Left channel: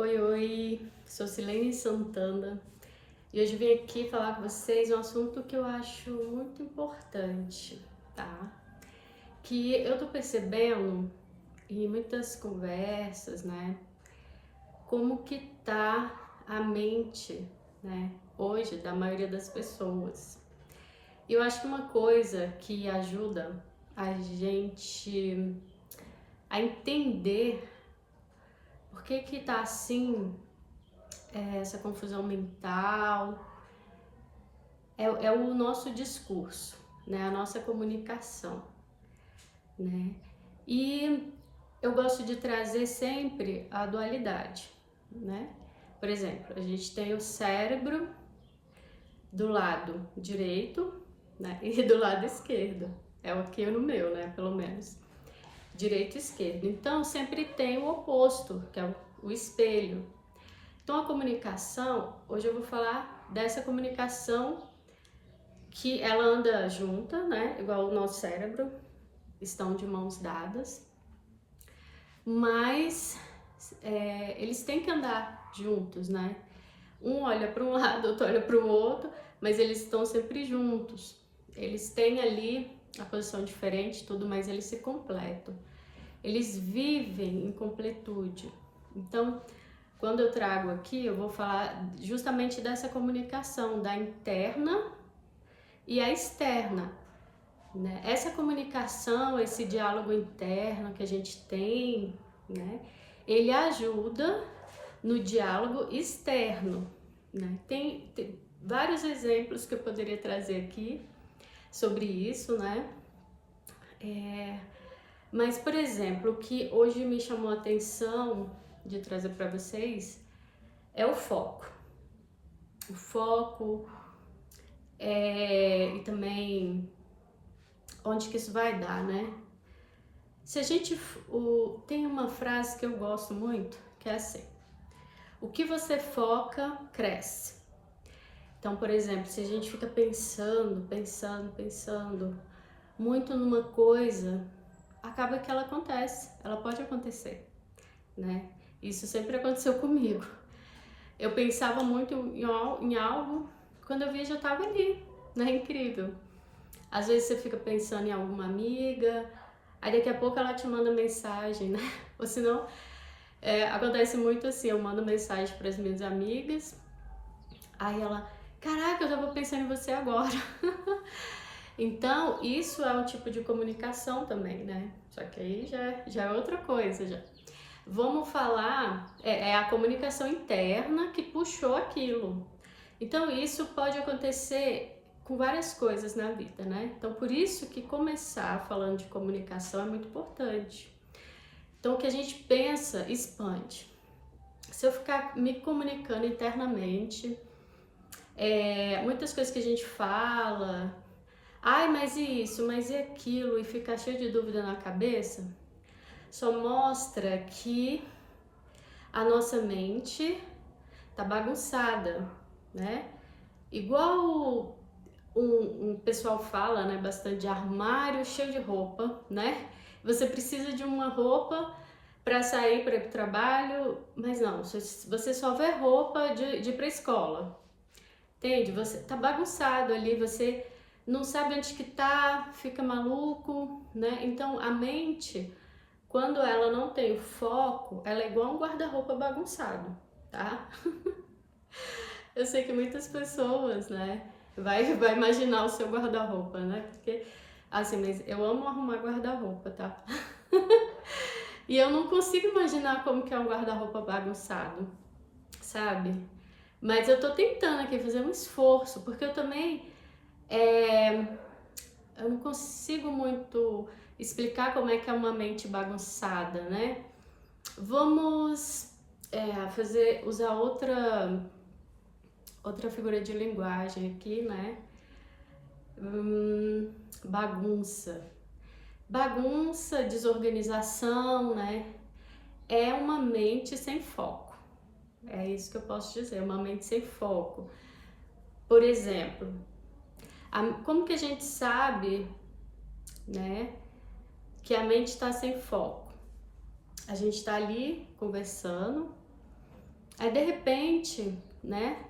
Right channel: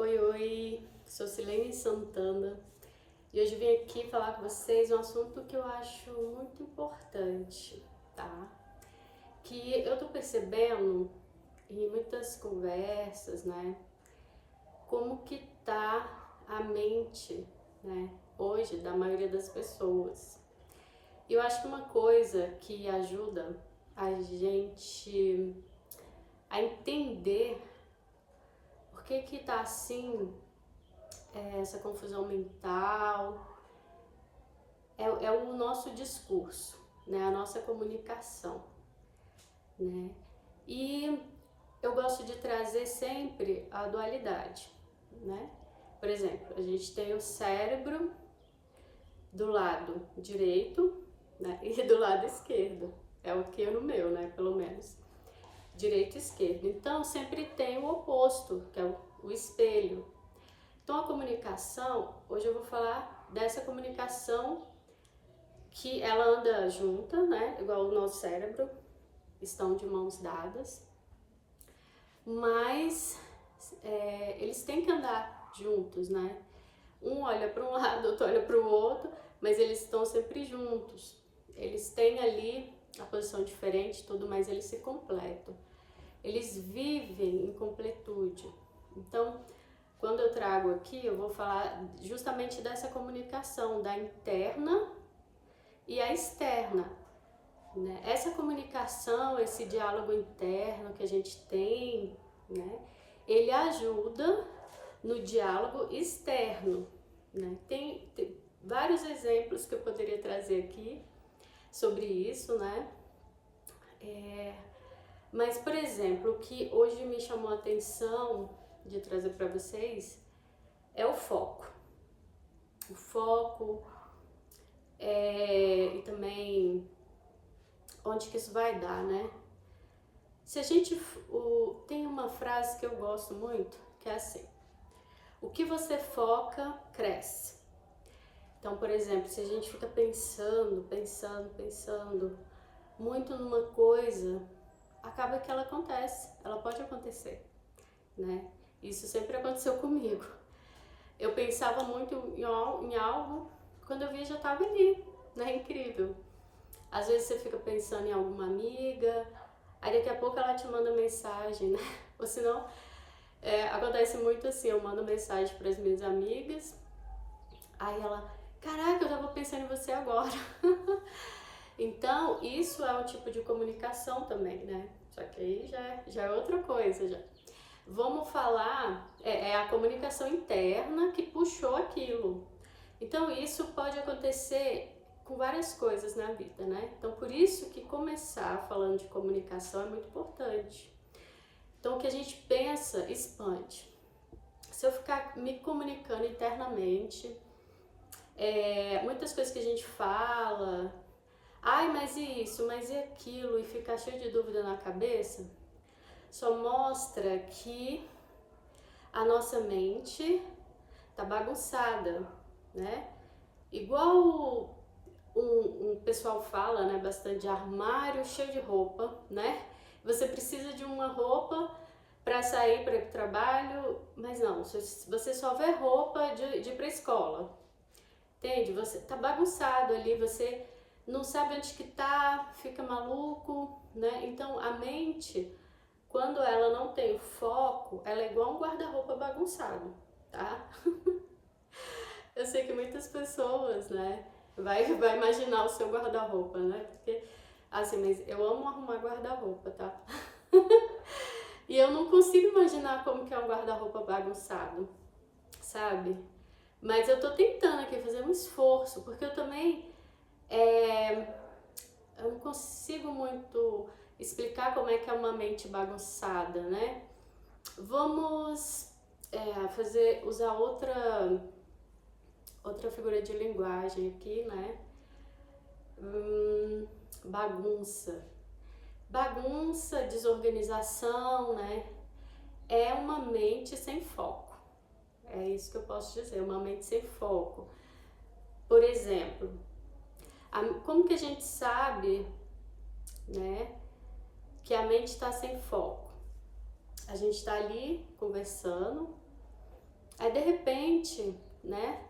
Oi, oi, sou Silene Santana e hoje vim aqui falar com vocês um assunto que eu acho muito importante, tá? Que eu tô percebendo em muitas conversas, né, como que tá a mente, né, hoje da maioria das pessoas. E eu acho que uma coisa que ajuda a gente a entender por que que tá assim, essa confusão mental, é o nosso discurso, né? A nossa comunicação, né? E eu gosto de trazer sempre a dualidade, né? Por exemplo, a gente tem o cérebro do lado direito, né? E do lado esquerdo. É o que no meu, né? Pelo menos. Direito e esquerdo. Então, sempre tem o oposto, que é o espelho. Então, a comunicação, hoje eu vou falar dessa comunicação que ela anda junta, né? Igual o nosso cérebro, estão de mãos dadas, mas eles têm que andar juntos, né? Um olha para um lado, outro olha para o outro, mas eles estão sempre juntos. Eles têm ali a posição diferente, tudo, mas eles se completam. Eles vivem em completude. Então, quando eu trago aqui, eu vou falar justamente dessa comunicação, da interna e a externa, né? Essa comunicação, esse diálogo interno que a gente tem, né? Ele ajuda no diálogo externo, né? Tem vários exemplos que eu poderia trazer aqui sobre isso, né? Mas, por exemplo, o que hoje me chamou a atenção de trazer para vocês é o foco. O foco e também onde que isso vai dar, né? Se a gente tem uma frase que eu gosto muito, que é assim: o que você foca cresce. Então, por exemplo, se a gente fica pensando muito numa coisa, acaba que ela acontece, ela pode acontecer, né? Isso sempre aconteceu comigo. Eu pensava muito em algo, quando eu vi já estava ali, né? Incrível. Às vezes você fica pensando em alguma amiga, aí daqui a pouco ela te manda mensagem, né? Ou senão, acontece muito assim, eu mando mensagem para as minhas amigas, aí ela, caraca, eu já vou pensar em você agora. Então, isso é um tipo de comunicação também, né? Só que aí já é outra coisa, já. Vamos falar, é a comunicação interna que puxou aquilo. Então, isso pode acontecer com várias coisas na vida, né? Então, por isso que começar falando de comunicação é muito importante. Então, o que a gente pensa expande. Se eu ficar me comunicando internamente, muitas coisas que a gente fala, ai, mas e isso, mas e aquilo, e ficar cheio de dúvida na cabeça, só mostra que a nossa mente tá bagunçada, né? Igual um pessoal fala, né, bastante de armário cheio de roupa, né? Você precisa de uma roupa para sair para ir pro trabalho, mas não, você só vê roupa de ir pra escola, entende? Você tá bagunçado ali, você não sabe onde que tá, fica maluco, né? Então a mente, quando ela não tem o foco, ela é igual um guarda-roupa bagunçado, tá? Eu sei que muitas pessoas, né, vai imaginar o seu guarda-roupa, né? Porque, assim, mas eu amo arrumar guarda-roupa, tá? E eu não consigo imaginar como que é um guarda-roupa bagunçado, sabe? Mas eu tô tentando aqui fazer um esforço, porque eu também, eu não consigo muito explicar como é que é uma mente bagunçada, né? Vamos usar outra figura de linguagem aqui, né? Bagunça. Bagunça, desorganização, né? É uma mente sem foco. É isso que eu posso dizer, uma mente sem foco. Por exemplo, como que a gente sabe, né, que a mente está sem foco? A gente está ali conversando, Aí de repente, né,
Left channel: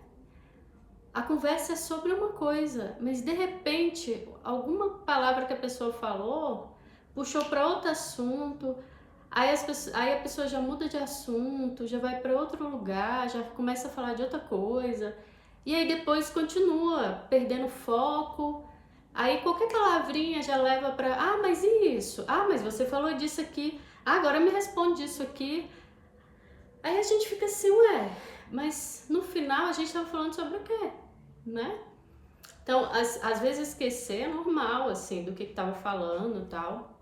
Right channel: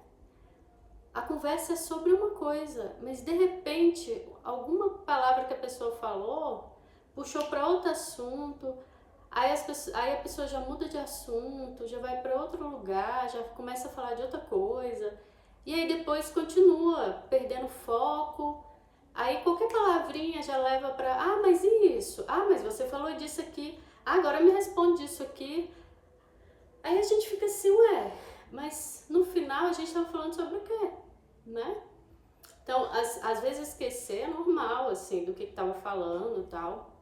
a conversa é sobre uma coisa, mas de repente alguma palavra que a pessoa falou puxou para outro assunto, aí a pessoa já muda de assunto, já vai para outro lugar, já começa a falar de outra coisa, e aí depois continua perdendo foco. Aí qualquer palavrinha já leva para, ah, mas e isso? Ah, mas você falou disso aqui. Ah, agora me responde isso aqui. Aí a gente fica assim, ué, mas no final a gente tava falando sobre o quê, né? Então, às vezes esquecer é normal, assim, do que tava falando e tal.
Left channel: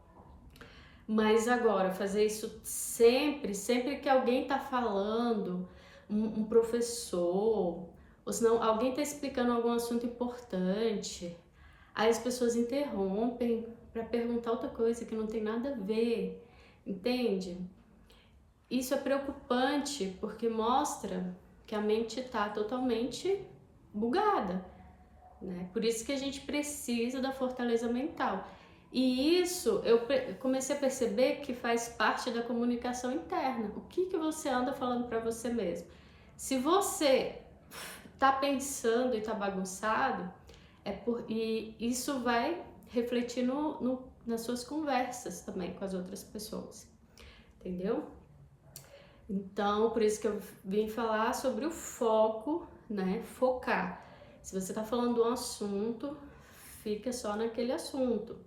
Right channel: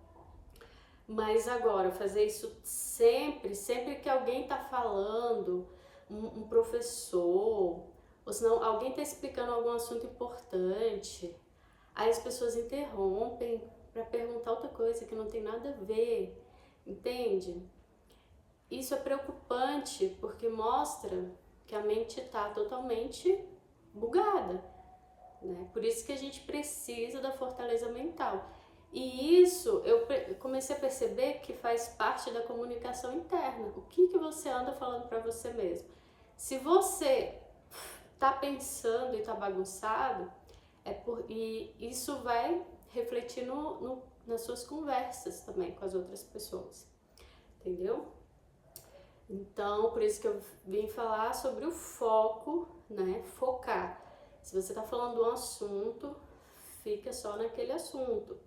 Mas agora, fazer isso sempre que alguém tá falando, um professor, ou senão alguém tá explicando algum assunto importante, aí as pessoas interrompem para perguntar outra coisa que não tem nada a ver, entende? Isso é preocupante porque mostra que a mente está totalmente bugada, né? Por isso que a gente precisa da fortaleza mental. E isso eu comecei a perceber que faz parte da comunicação interna. O que você anda falando para você mesmo? Se você tá pensando e tá bagunçado, e isso vai refletir nas suas conversas também com as outras pessoas, entendeu? Então, por isso que eu vim falar sobre o foco, né? Focar. Se você tá falando de um assunto, fica só naquele assunto.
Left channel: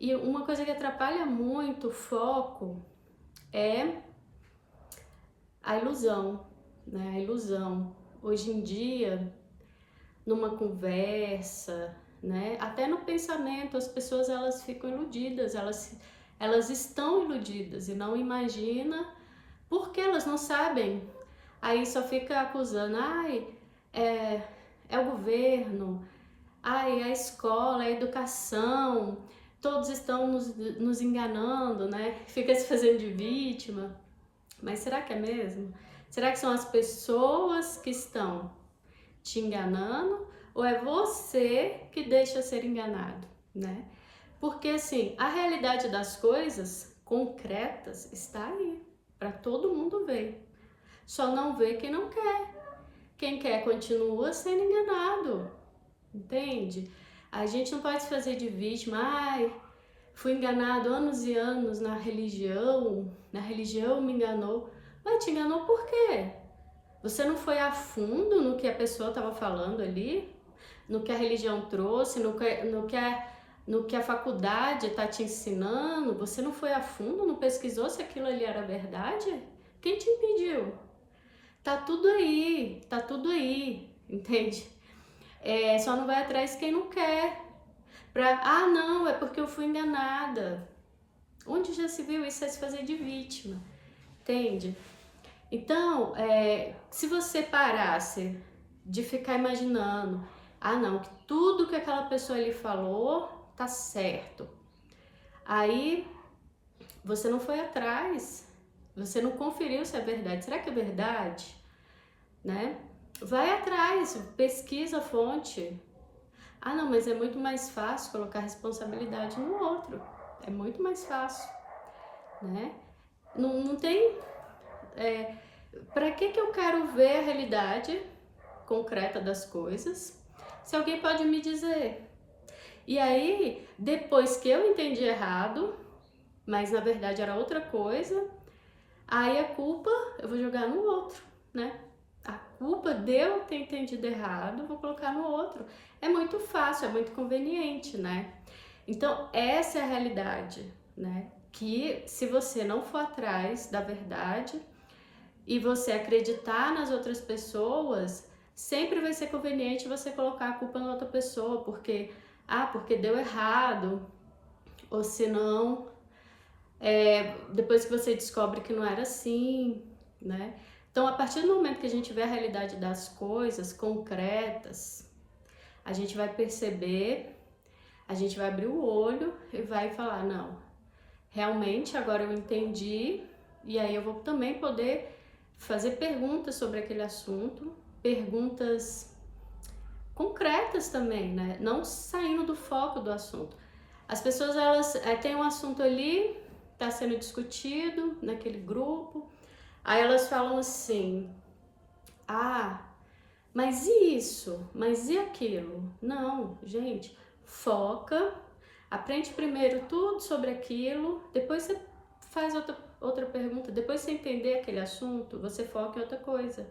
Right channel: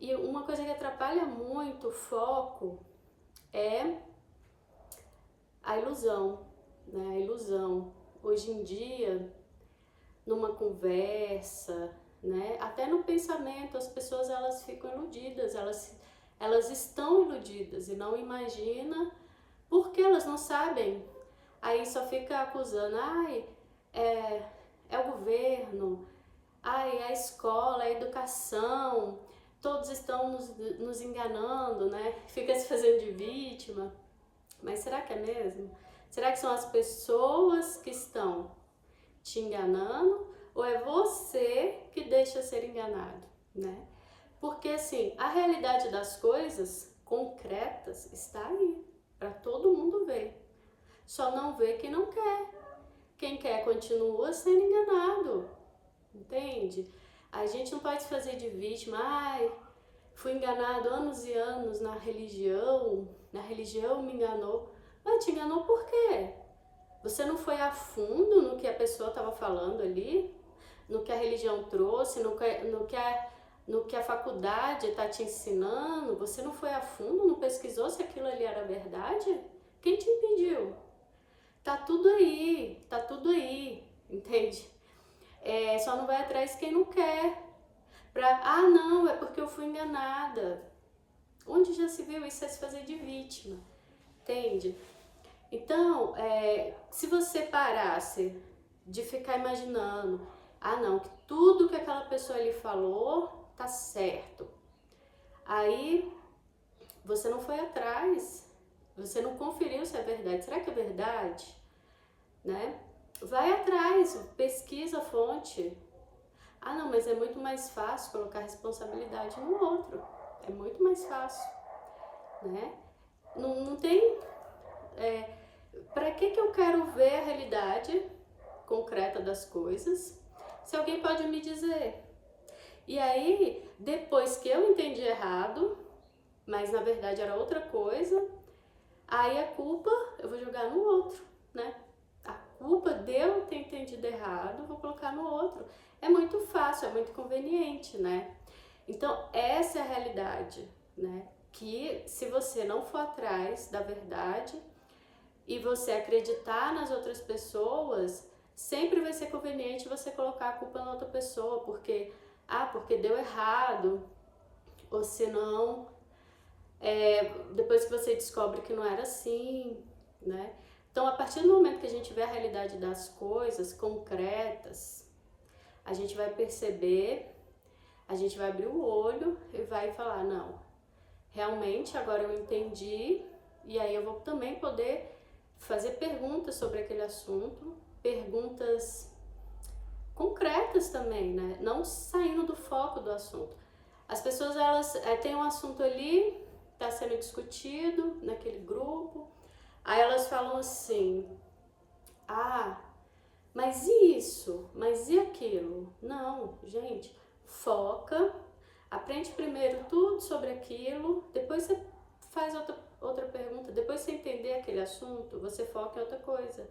E uma coisa que atrapalha muito o foco é a ilusão, né? A ilusão. Hoje em dia, numa conversa, né? Até no pensamento, as pessoas elas ficam iludidas, elas estão iludidas e não imaginam porque elas não sabem. Aí só fica acusando, ai, é o governo, ai, a escola, a educação, todos estão nos enganando, né? Fica se fazendo de vítima. Mas será que é mesmo? Será que são as pessoas que estão te enganando ou é você que deixa ser enganado, né? Porque assim, a realidade das coisas concretas está aí para todo mundo ver. Só não vê quem não quer. Quem quer continua sendo enganado, entende? A gente não pode se fazer de vítima. Ai, fui enganado anos e anos na religião me enganou. Mas te enganou por quê? Você não foi a fundo no que a pessoa estava falando ali, no que a religião trouxe, no que a faculdade está te ensinando. Você não foi a fundo, não pesquisou se aquilo ali era verdade? Quem te impediu? Tá tudo aí, entende? Só não vai atrás quem não quer. Ah, não, é porque eu fui enganada. Onde já se viu isso é se fazer de vítima, entende? Então, se você parasse de ficar imaginando, ah não, que tudo que aquela pessoa ali falou tá certo. Aí você não foi atrás, você não conferiu se é verdade. Será que é verdade? Né? Vai atrás, pesquisa a fonte. Ah não, mas é muito mais fácil colocar responsabilidade no outro. É muito mais fácil, né? Não tem... Para que eu quero ver a realidade concreta das coisas se alguém pode me dizer? E aí, depois que eu entendi errado, mas na verdade era outra coisa, aí a culpa eu vou jogar no outro, né? A culpa de eu ter entendido errado, vou colocar no outro. É muito fácil, é muito conveniente, né? Então, essa é a realidade, né? Que se você não for atrás da verdade e você acreditar nas outras pessoas, sempre vai ser conveniente você colocar a culpa na outra pessoa, porque deu errado, ou senão, depois que você descobre que não era assim, né? Então, a partir do momento que a gente vê a realidade das coisas concretas, a gente vai perceber, a gente vai abrir o olho e vai falar, não, realmente agora eu entendi, e aí eu vou também poder fazer perguntas sobre aquele assunto, perguntas concretas também, né? Não saindo do foco do assunto. As pessoas, elas têm um assunto ali, está sendo discutido naquele grupo, aí elas falam assim, Ah, mas e isso? Mas e aquilo? Não, gente, foca, aprende primeiro tudo sobre aquilo, depois você faz outra pergunta, depois você entender aquele assunto, você foca em outra coisa.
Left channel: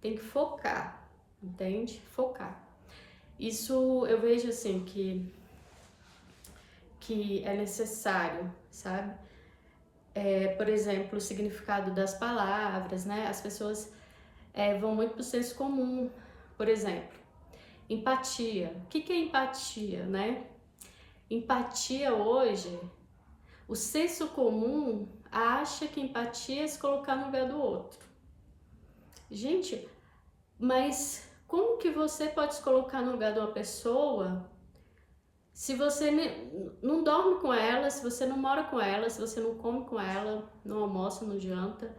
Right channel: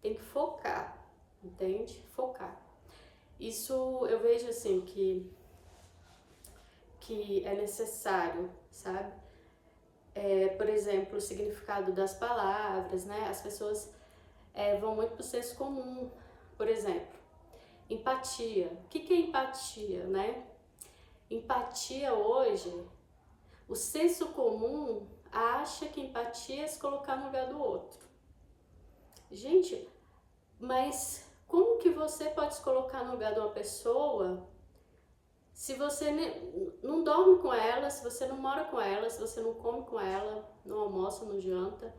Tem que focar, entende? Focar. Isso eu vejo assim que é necessário, sabe? Por exemplo, o significado das palavras, né? As pessoas vão muito para o senso comum. Por exemplo, empatia. O que é empatia, né? Empatia hoje, o senso comum acha que empatia é se colocar no lugar do outro. Gente, mas como que você pode se colocar no lugar de uma pessoa se você não dorme com ela, se você não mora com ela, se você não come com ela, não almoça, não janta,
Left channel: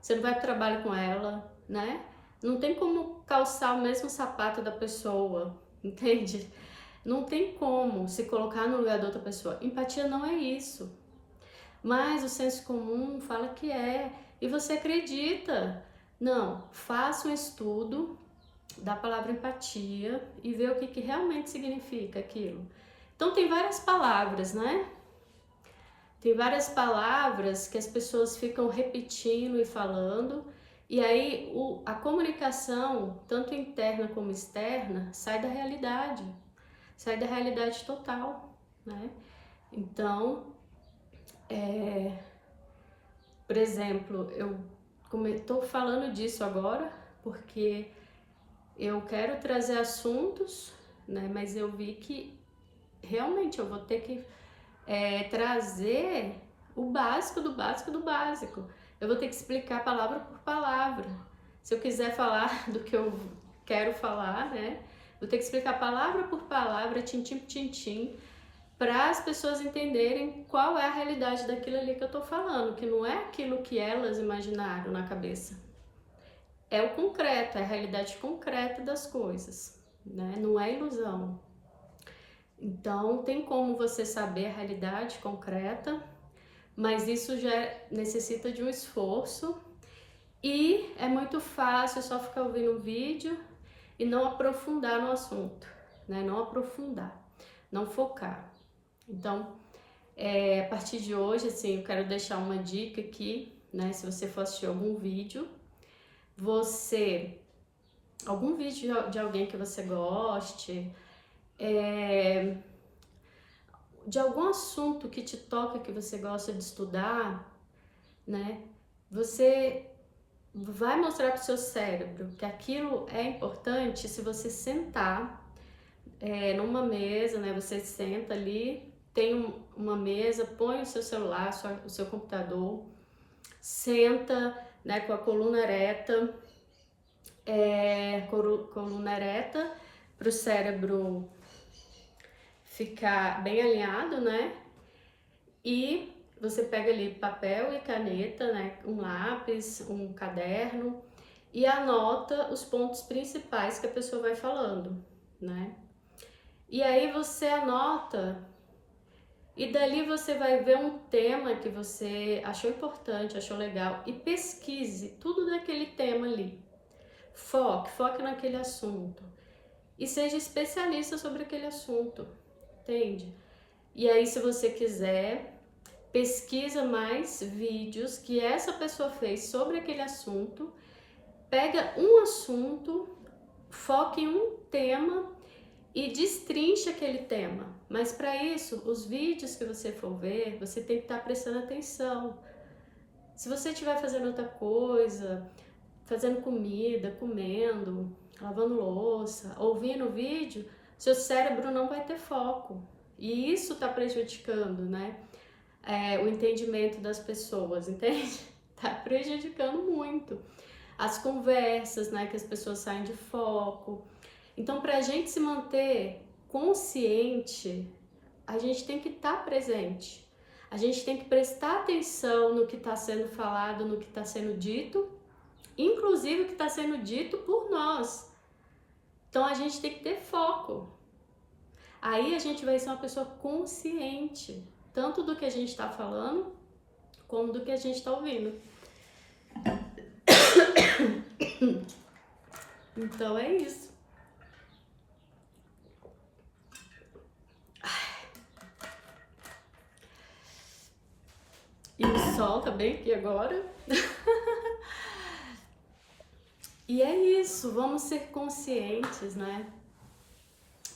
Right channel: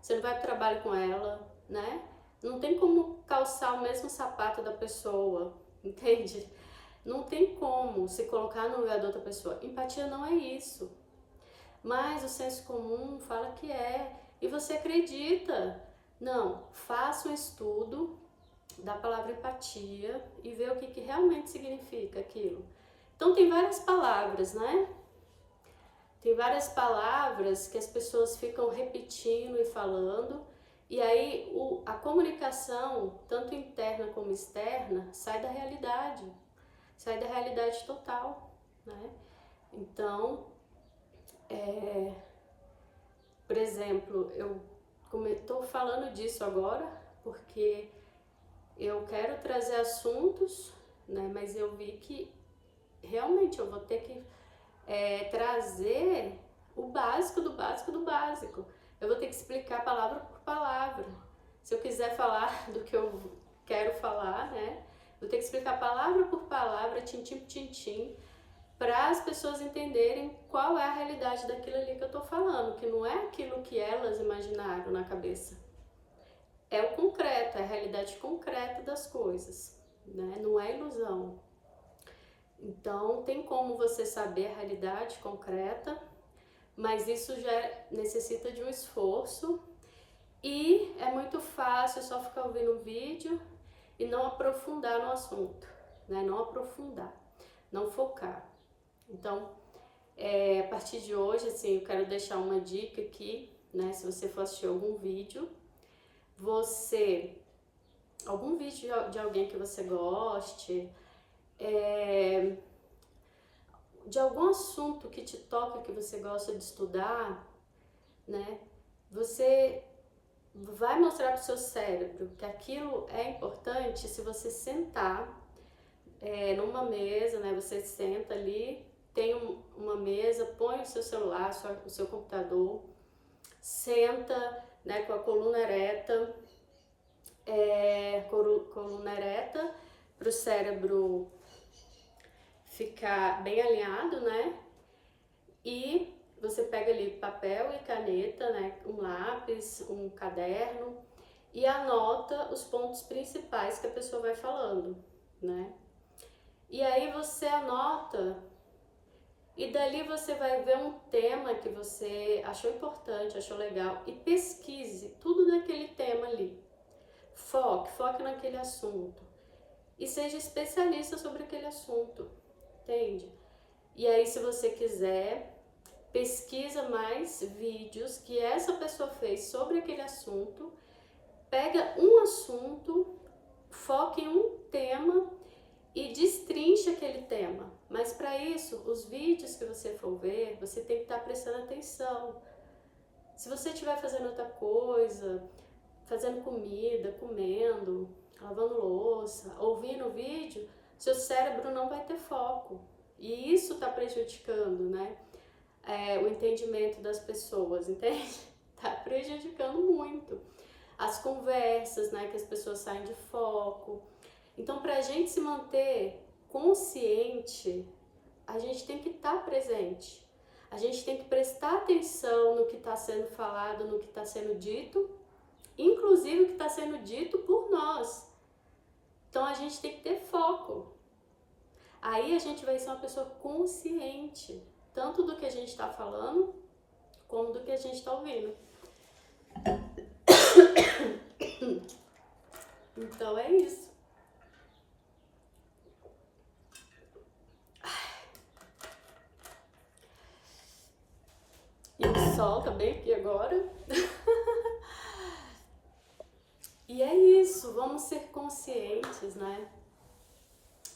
você não vai para o trabalho com ela, né? Não tem como calçar o mesmo sapato da pessoa, entende? Não tem como se colocar no lugar da outra pessoa. Empatia não é isso. Mas o senso comum fala que é. E você acredita. Não, faça um estudo da palavra empatia e vê o que realmente significa aquilo. Então tem várias palavras, né? Tem várias palavras que as pessoas ficam repetindo e falando. E aí a comunicação, tanto interna como externa, sai da realidade total, né? Então, por exemplo, eu estou falando disso agora porque eu quero trazer assuntos, né? Mas eu vi que realmente eu vou ter que trazer o básico do básico do básico. Eu vou ter que explicar palavra por palavra. Se eu quiser falar do que eu quero falar, né? Vou ter que explicar palavra por palavra, tintim por tintim, para as pessoas entenderem qual é a realidade daquilo ali que eu tô falando, que não é aquilo que elas imaginaram na cabeça. É o concreto, é a realidade concreta das coisas, né? Não é ilusão. Então, tem como você saber a realidade concreta, mas isso já necessita de um esforço e é muito fácil só ficar ouvindo um vídeo e não aprofundar no assunto, né? Não aprofundar, não focar. Então, a partir de hoje, assim, eu quero deixar uma dica aqui, né? Se você for assistir algum vídeo, algum vídeo de alguém que você goste, de algum assunto que te toca, que você gosta de estudar, né? Você vai mostrar para o seu cérebro que aquilo é importante se você sentar numa mesa, né? Você senta ali, tem uma mesa, põe o seu celular, o seu computador, senta, né, com a coluna ereta, para o cérebro ficar bem alinhado, né? E você pega ali papel e caneta, né? Um lápis, um caderno e anota os pontos principais que a pessoa vai falando, né? E aí você anota e dali você vai ver um tema que você achou importante, achou legal e pesquise tudo daquele tema ali. Foque naquele assunto e seja especialista sobre aquele assunto, entende? E aí, se você quiser, pesquisa mais vídeos que essa pessoa fez sobre aquele assunto, pega um assunto, foque em um tema e destrincha aquele tema. Mas para isso, os vídeos que você for ver, você tem que estar prestando atenção. Se você estiver fazendo outra coisa, fazendo comida, comendo, lavando louça, ouvindo o vídeo, seu cérebro não vai ter foco. E isso está prejudicando, né? O entendimento das pessoas, entende? Tá prejudicando muito. As conversas, né? Que as pessoas saem de foco. Então, para a gente se manter consciente, a gente tem que estar presente. A gente tem que prestar atenção no que está sendo falado, no que está sendo dito, inclusive o que está sendo dito por nós. Então, a gente tem que ter foco. Aí a gente vai ser uma pessoa consciente, tanto do que a gente está falando, como do que a gente está ouvindo. Então é isso. E o sol tá bem aqui agora. E é isso, vamos ser conscientes, né?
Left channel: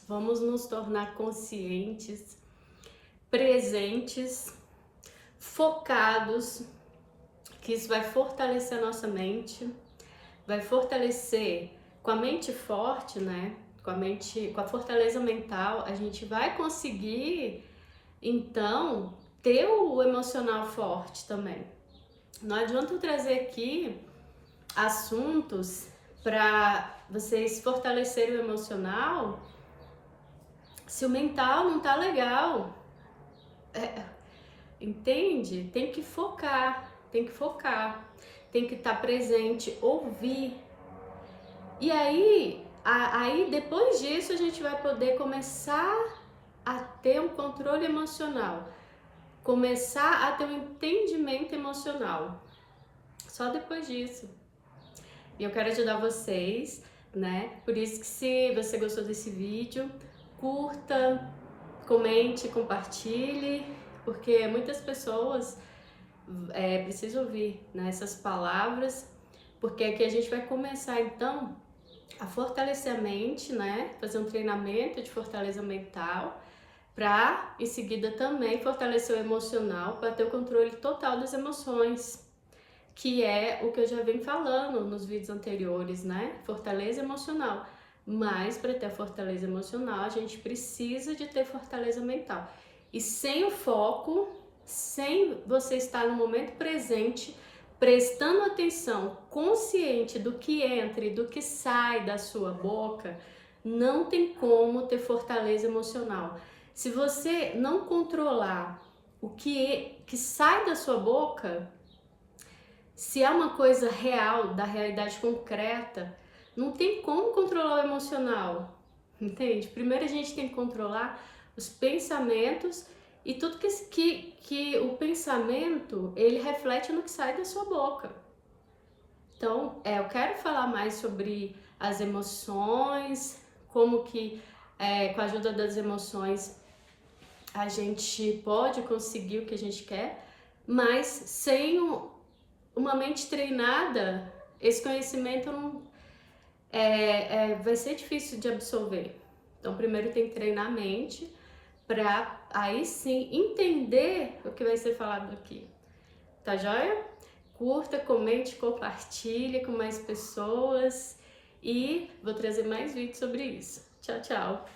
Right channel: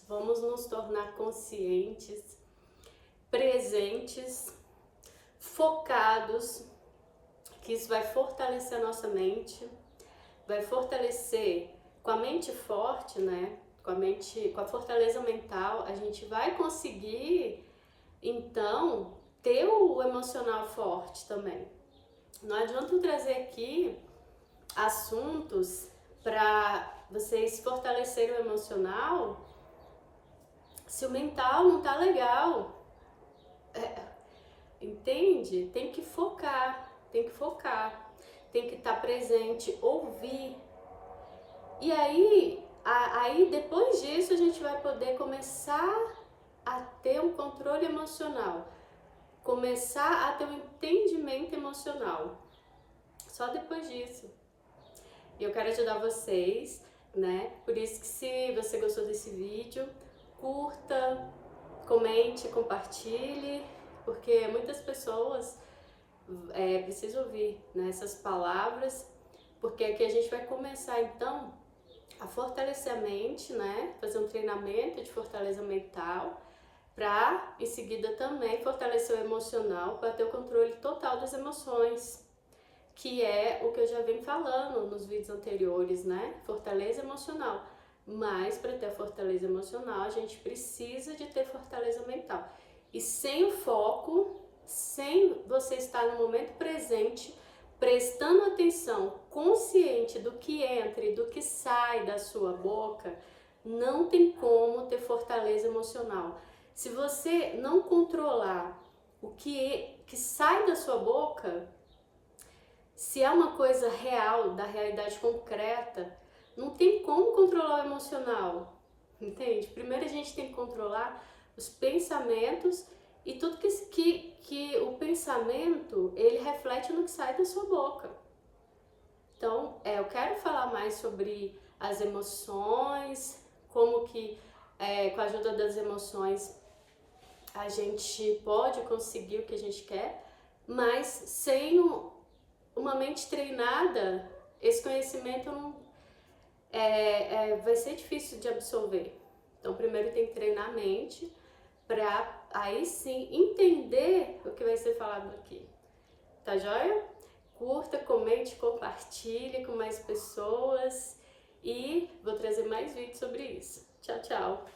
Vamos nos tornar conscientes, presentes, focados, que isso vai fortalecer a nossa mente, vai fortalecer com a mente forte, né? Com a fortaleza mental, a gente vai conseguir, então, ter o emocional forte também. Não adianta eu trazer aqui assuntos para vocês fortalecerem o emocional se o mental não tá legal. Entende? Tem que focar, tem que estar presente, ouvir. E aí depois disso a gente vai poder começar a ter um controle emocional, começar a ter um entendimento emocional. Só depois disso. E eu quero ajudar vocês, né? Por isso que se você gostou desse vídeo, curta, comente, compartilhe, porque muitas pessoas precisam ouvir, né, essas palavras, porque aqui a gente vai começar então a fortalecer a mente, né? Fazer um treinamento de fortaleza mental, para em seguida também fortalecer o emocional, para ter o controle total das emoções, que é o que eu já venho falando nos vídeos anteriores, né? Fortaleza emocional. Mas para ter a fortaleza emocional, a gente precisa de ter fortaleza mental. E sem o foco, sem você estar no momento presente, prestando atenção, consciente do que entra e do que sai da sua boca, não tem como ter fortaleza emocional. Se você não controlar o que sai da sua boca, se é uma coisa real, da realidade concreta, não tem como controlar o emocional, entende? Primeiro a gente tem que controlar os pensamentos e tudo que o pensamento, ele reflete no que sai da sua boca. Então, eu quero falar mais sobre as emoções, como que com a ajuda das emoções a gente pode conseguir o que a gente quer, mas sem uma mente treinada, esse conhecimento não, vai ser difícil de absorver. Então, primeiro tem que treinar a mente para aí sim entender o que vai ser falado aqui. Tá joia? Curta, comente, compartilhe com mais pessoas e vou trazer mais vídeos sobre isso. Tchau, tchau!